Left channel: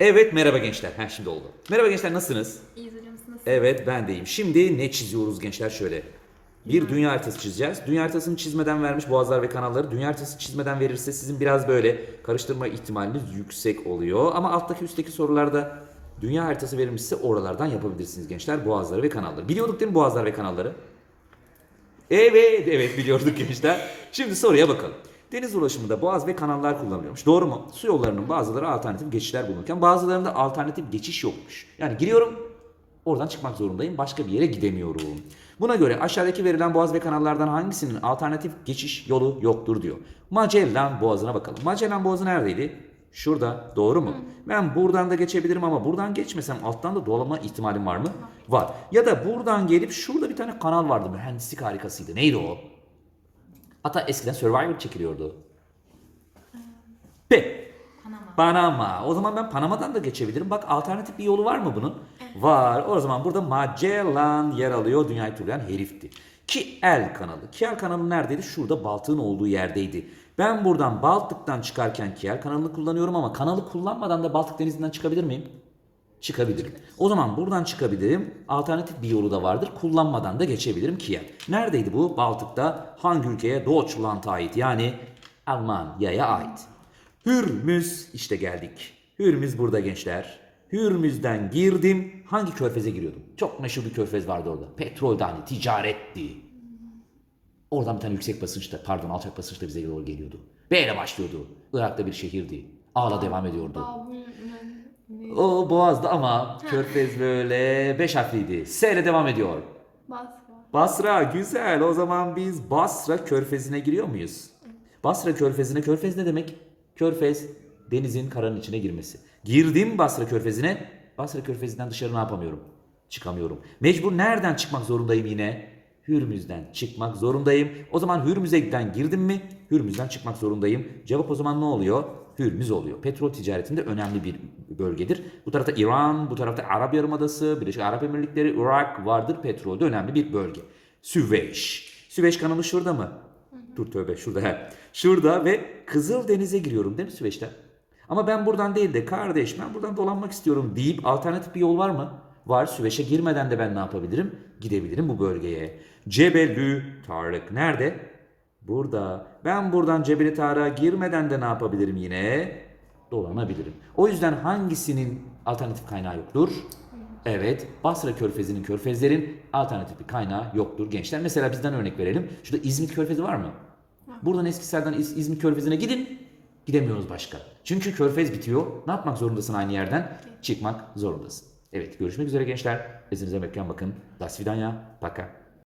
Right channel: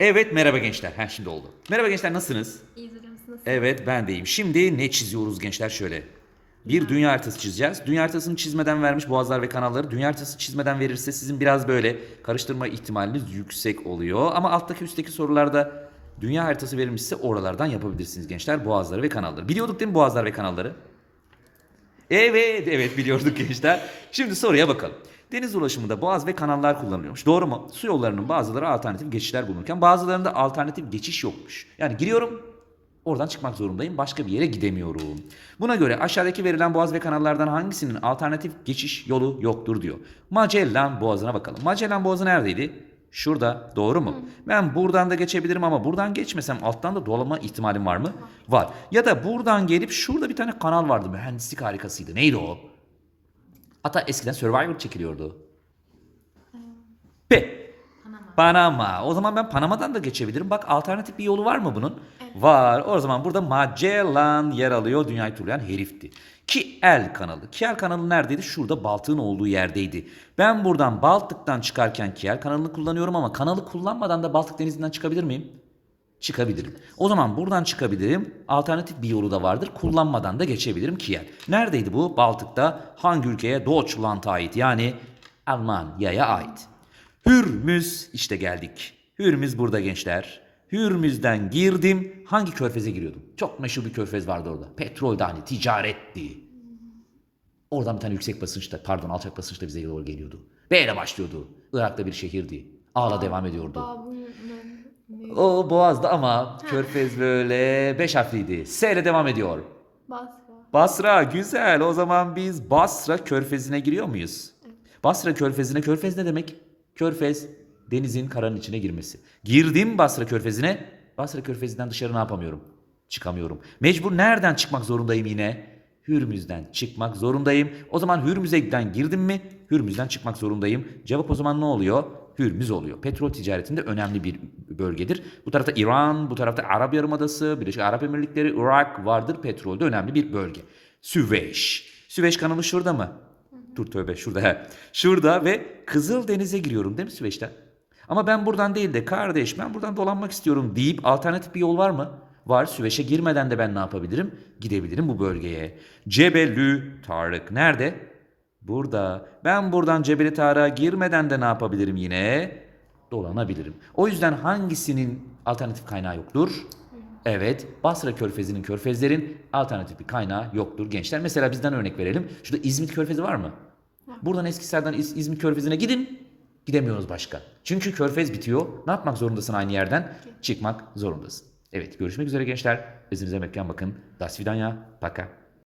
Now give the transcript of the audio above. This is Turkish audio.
Evet merhaba gençler. Ha şimdi oldu. Merhaba gençler nasılsınız? İyiyiz hocam siz nasılsınız? Evet ben deyim. Şimdi ne çiziyoruz gençler şöyle. Bir dünya haritası çizeceğiz. Dünya haritasını çizmeden vermiş boğazlar ve kanalları. Dünya haritası çizmeden verirse sizin biraz böyle karıştırma ihtimaliniz yüksek oluyor. Ama alttaki üstteki sorularda dünya haritası verilmişse oralardan yapabilirsiniz gençler. Boğazları ve kanalları. Biliyorduk değil mi boğazlar ve kanalları? Evet, evet biliyorduk gençler. Şimdi soruya bakalım. Deniz ulaşımında boğaz ve kanallar kullanılıyormuş. Doğru mu? Su yollarının bazıları alternatif geçişler bulunurken bazılarında alternatif geçiş yokmuş. Yani giriyorum, oradan çıkmak zorundayım. Başka bir yere gidemiyorum. Buna göre aşağıdaki verilen boğaz ve kanallardan hangisinin alternatif geçiş yolu yoktur diyor. Magellan Boğazı'na bakalım. Magellan Boğazı neredeydi? Şurada. Doğru mu? Ben buradan da geçebilirim ama buradan geçmesem alttan da dolanma ihtimalim var mı? Var. Ya da buradan gelip şurada bir tane kanal vardı. Mühendislik harikasıydı. Neydi o? Hatta eskiden Survivor çekiliyordu. P. Panama. Panama. O zaman ben Panama'dan da geçebilirim. Bak alternatif bir yolu var mı bunun? Var. O zaman burada Magellan yer alıyor. Dünyayı turlayan herifti. Kiel kanalı. Kiel kanalı neredeydi? Şurada Baltık'ın olduğu yerdeydi. Ben buradan Baltık'tan çıkarken Kiel kanalını kullanıyorum ama kanalı kullanmadan da Baltık denizinden çıkabilir miyim? Çıkabilirim. O zaman buradan çıkabilirim. Alternatif bir yolu da vardır. Kullanmadan da geçebilirim Kiel. Neredeydi bu? Baltık'ta. Hangi ülkeye? Deutschland'a ait. Yani Almanya'ya ait. Hürmüz işte geldik. Hürmüz burada gençler. Hürmüz'den girdim. Hangi körfeze giriyordum? Çok meşhur bir körfez vardı orada. Petrolde hani ticaretti. Oradan bir tane yüksek basınçta pardon alçak basınçta bize doğru geliyordu. B ile başlıyordu. Irak'ta bir şehirdi. A'la devam ediyordu. O Boğaz'da ama körfez böyle beş harfliydi. S ile devam ediyor. Basra. Basra güzel. O zaman biz Basra körfezine giriyor muyuz? Basra körfezine. Körfez ne demek? Körfez denizin karanın içine girmesi. Girdim Basra körfezine. Basra körfezinden dışarı ne yapamıyorum? Çıkamıyorum. Mecbur nereden çıkmak zorundayım yine? Hürmüz'den çıkmak zorundayım. O zaman Hürmüz'den girdim mi? Hürmüz'den çıkmak zorundayım. Cevap o zaman ne oluyor? Hürmüz oluyor. Petrol ticaretinde önemli bir bölgedir. Bu tarafta İran, bu tarafta Arap Yarımadası, Birleşik Arap Emirlikleri, Irak vardır. Petrolde önemli bir bölge. Süveyş. Süveyş kanalı şurada mı? Dur tövbe şurada. he. Şurada ve Kızıldeniz'e giriyorum değil mi Süveyş'ten? Ama ben buradan değil de kardeş ben buradan dolanmak istiyorum deyip alternatif bir yol var mı? Var. Süveyş'e girmeden de ben ne yapabilirim? Gidebilirim bu bölgeye. Cebelü Tarık nerede? Burada. Ben buradan Cebeli Tarık'a girmeden de ne yapabilirim yine? Dolanabilirim. O yüzden hangisinin alternatif kaynağı yoktur? Evet, Basra Körfezi'nin körfezlerin alternatif bir kaynağı yoktur gençler. Mesela bizden örnek verelim. Şurada İzmit Körfezi var mı? Buradan Eskişehir'den İz- İzmit Körfezi'ne gidin. Gidemiyoruz başka. Çünkü körfez bitiyor. Ne yapmak zorundasın aynı yerden? Çıkmak zorundasın. Evet, görüşmek üzere gençler. Özünüze mekan bakın. Das vidanya. Paka.